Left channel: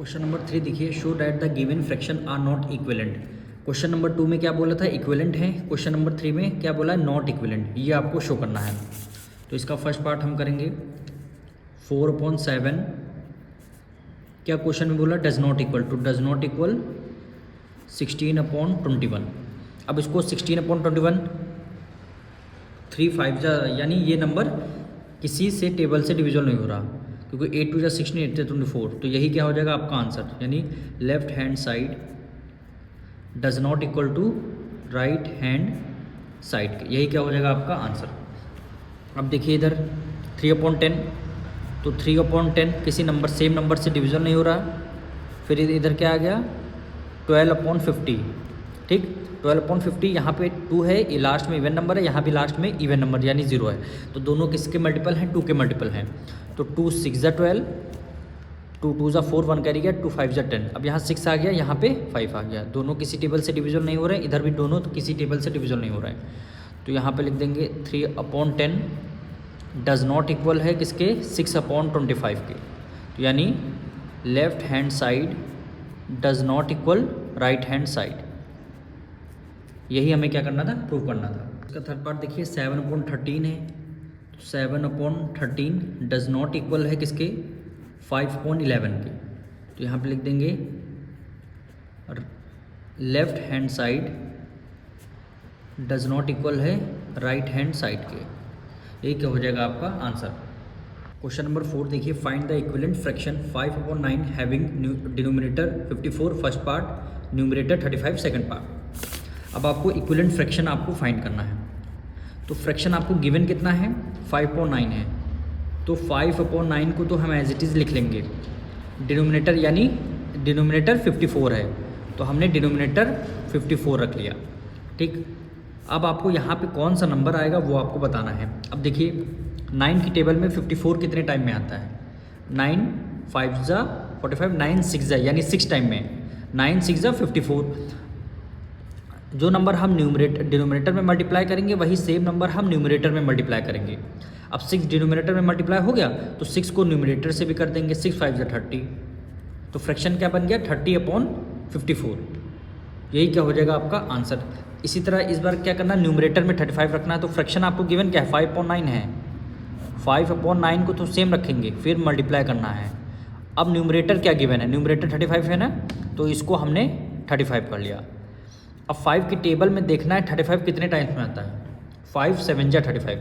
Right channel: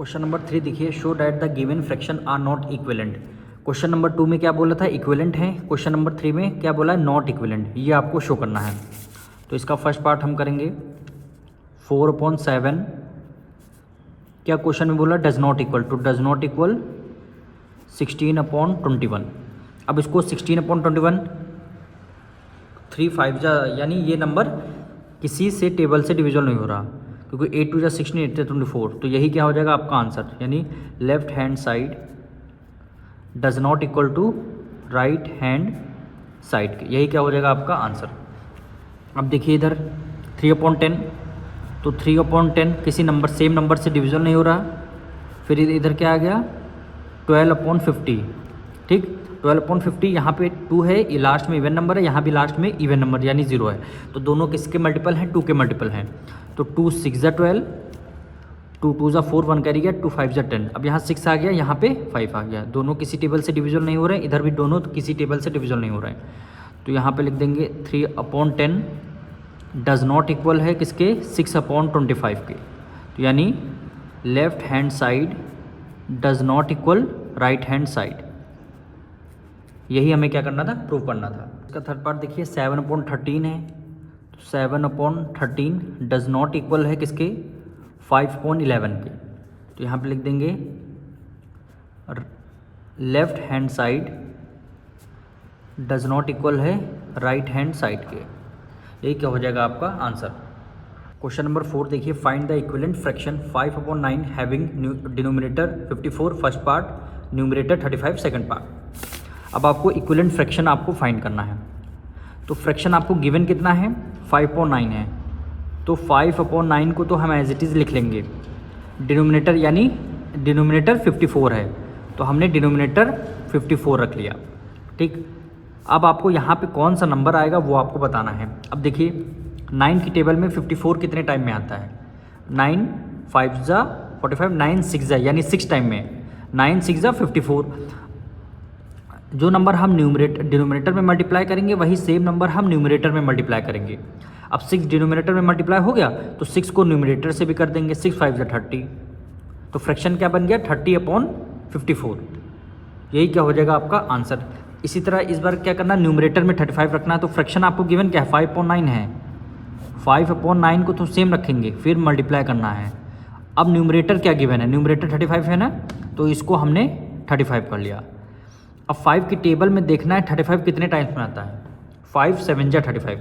Question number 3 देखिए, show that the given fraction are not equivalent. Question number 2 में क्या बोला था, इक्विवेलेंट है। क्वेश्चन नंबर 3 में क्या बोला, नॉट इक्विवेलेंट। ये आपको शो करना है। तो इसका फर्स्ट पार्ट हम करेंगे। 4/7 क्या क्वेश्चन में बोला, does not equal to, does not equal 16/21। अब इसको 16/21 3 5 यानी ये नंबर किसी से टेबल से डिविजन नहीं हो रहा, क्योंकि 8 2 16 8 24। तो यही क्या हो जाएगा आपका आंसर, यानी left hand side does not equal to right hand side के, यही क्या हो जाएगा आपका आंसर। अब देखिए इधर 3/10, तो 3/10 किसी नंबर सेम नंबर से डिवीजन नहीं हो रहा। फिर इधर क्या आ गया 12/50, ठीक 12/50। यहाँ पे 2 है, ये लास्ट में इवन नंबर है, यहाँ भी लास्ट में इवन नंबर यानी 0 है। तो दोनों किसके मल्टीपल हैं, 2 के मल्टीपल हैं। तो 2 6 12, 2 2 4 1 कैरी गया, 2 5 10। अब यहाँ 6 आ गया, यहाँ पे 5 आ गया। दोनों किसी टेबल से डिवीजन नहीं हो रहे, इधर भी दोनों किसी टेबल से डिवीजन नहीं हो रहे। तो यहाँ पे लिख देंगे 3/10 डज नॉट इक्वल है किसके, 6/25 के। तो यानी left hand side does not equal right hand side, यही हमें क्या करना था, प्रूव करना था। इसका थर्ड पार्ट देखिए 7/13 है। 7/13 डज नॉट इक्वल है किसके, 5/11 के। तो यहाँ पे लिख देंगे left hand side does not equal है राइट हैंड साइड के, यही क्या हो जाएगा आपका आंसर। क्वेश्चन नंबर 4 देखिए, find the equivalent fraction 5/9 having denominator 54 first part, numerator 35 second part. अब आपको इक्विवेलेंट फ्रैक्शन आपको फाइंड करना है। तो फ्रैक्शन आपको गिवन कितना है, 5/9 है। तो 5/9 को तो हम एज इट इज़ लिख लेंगे। डिनोमिनेटर यानी डिनोमिनेटर 54 है, तो हमने डिनोमिनेटर 54 रख लिया, ठीक। अब आपको यहाँ पे कौन सा नंबर आएगा वो आपको बताना है। अब देखिए 9 की टेबल में 54 कितने टाइम में आता है, 9 5 45, 9 6 यानी 6 टाइम में, 9 6 54। जो नंबर हम डिनोमिनेटर में मल्टीप्लाई करेंगे वही सेम नंबर हम न्यूमरेटर में मल्टीप्लाई करेंगे। अब 6 डिनोमिनेटर में मल्टीप्लाई हो गया, तो 6 को न्यूमरेटर से भी कर देंगे, 6 5 30। तो फ्रैक्शन क्या बन गया, 30/54, यही क्या हो जाएगा आपका आंसर। इसी तरह इस बार क्या करना, न्यूमरेटर में 35 रखना है। तो फ्रैक्शन आपको गिवन क्या है, 5/9 है। 5/9 को तो सेम रखेंगे, फिर मल्टीप्लाई करना है। अब न्यूमरेटर क्या गिवन है, न्यूमरेटर 35 है ना, तो इसको हमने 35 कर लिया। अब 5 की टेबल में देखना है 35 कितने टाइम्स में आता है, 5 7 35।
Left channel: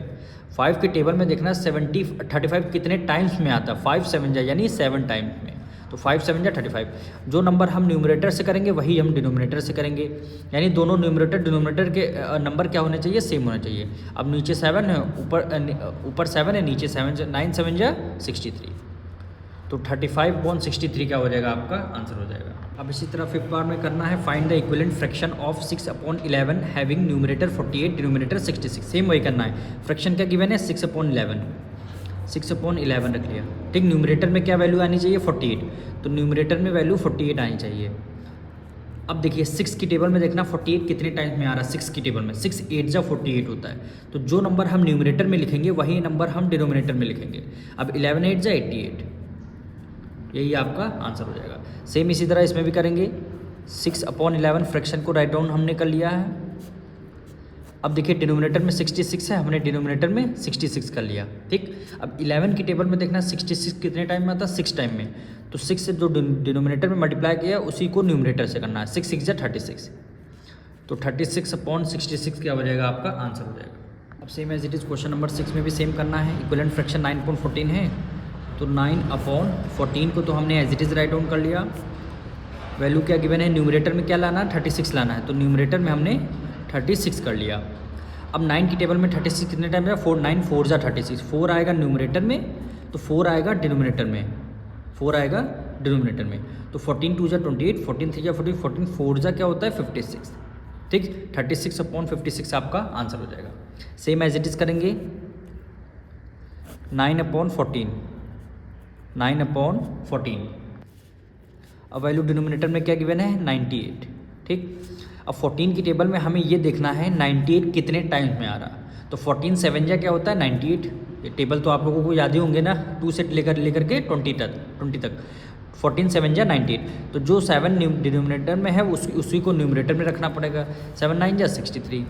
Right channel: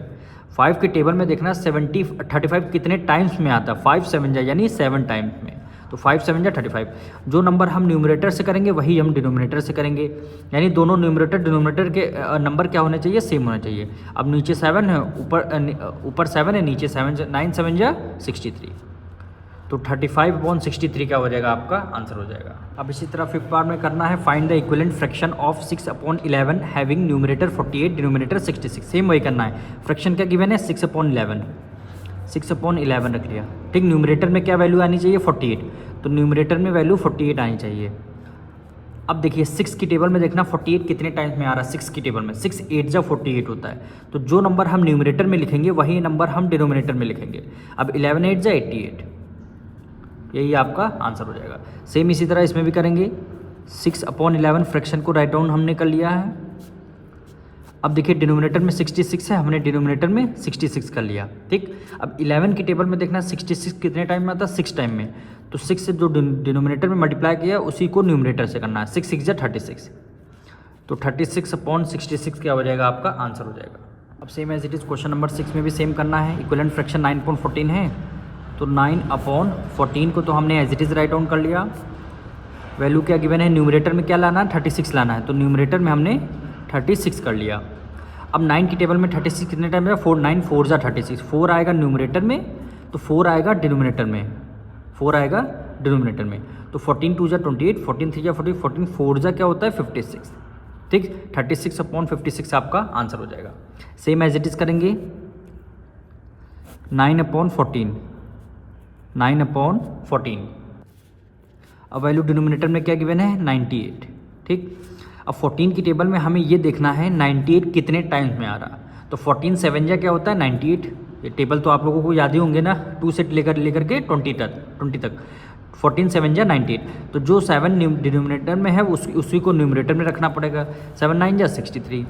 5 के टेबल में देखना 35 कितने टाइम्स में आता है, 5 7 यानी 7 टाइम्स में। तो 5 7 35। जो नंबर हम न्यूमरेटर से करेंगे वही हम डिनोमिनेटर से करेंगे, यानी दोनों न्यूमरेटर डिनोमिनेटर के नंबर क्या होने चाहिए, सेम होना चाहिए। अब नीचे 7 है, ऊपर 7 है, नीचे 7 9 7 63। तो 35/63 क्या हो जाएगा आपका आंसर हो जाएगा। अब इसी तरह फिफ्थ पार्ट में करना है, find the equivalent fraction of 6/11 having numerator 48 denominator 66। Same वही करना है। फ्रैक्शन क्या गिवन है, 6/11, 6/11 रख लिया, ठीक। न्यूमरेटर में क्या वैल्यू आनी चाहिए, 48, तो न्यूमरेटर में वैल्यू 48 आनी चाहिए। अब देखिए 6 की टेबल में देखना 48 कितने टाइम्स में आ रहा है, 6 की टेबल में 6 8 48 होता है। तो जो नंबर हम न्यूमरेटर में लिखेंगे वही नंबर हम डिनोमिनेटर में लिखेंगे। अब 11 8 88, यही आपका आंसर हो जाएगा। सेम इसी तरह इसमें भी करेंगे। 6/11 फ्रैक्शन को राइट डाउन हमने कर लिया है। अब देखिए डिनोमिनेटर में 66 है, हमने डिनोमिनेटर में 66 कर लिया, ठीक। अब 11 की टेबल में देखना 66 कितने टाइम में आता है, 6 टाइम में। तो 6 से जो डिनोमिनेटर में मल्टीप्लाई किया उसी को न्यूमरेटर से करना है, 6 6 36। तो 36/66 क्या हो जाएगा आपका आंसर हो जाएगा। अब same as it is question number 6 में भी सेम करना है। इक्विवेलेंट फ्रैक्शन 9/14 है, तो 9/14 को तो हमने as it is write down कर लिया। वैल्यू क्या गिवन है, न्यूमरेटर में क्या लाना है, 36 लाना है, तो न्यूमरेटर में हमने 36 कर लिया। अब 9 की टेबल में 36 कितने टाइम में, 4 9 4 36, 4 आएगा न्यूमरेटर में, तो 4 आएगा डिनोमिनेटर में, 4 आएगा डिनोमिनेटर में। तो 14 2 28, 14 3 40, 14 4 क्या होता है 56, ठीक। 36/56 आपका आंसर हो जाएगा। सेम एज इट इज़ करेंगे 9/14, 9/14। अब वैल्यू डिनोमिनेटर में क्या गिवन है, 98, ठीक। अब 14 की टेबल में हमें ये देखना है 98 कितने टाइम्स में आ रहा। तो 14 7 क्या होता है 98। ये टेबल तो आप लोगों को याद ही होंगे ना, 2 से लेकर के 20 तक। 14 7 जा 19, तो जो 7 डिनोमिनेटर में है उसी को न्यूमरेटर में रखना पड़ेगा। 7 9 जा 63,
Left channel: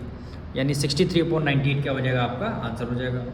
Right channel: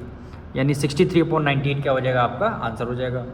यानी 63/19 क्या हो जाएगा आपका आंसर हो जाएगा।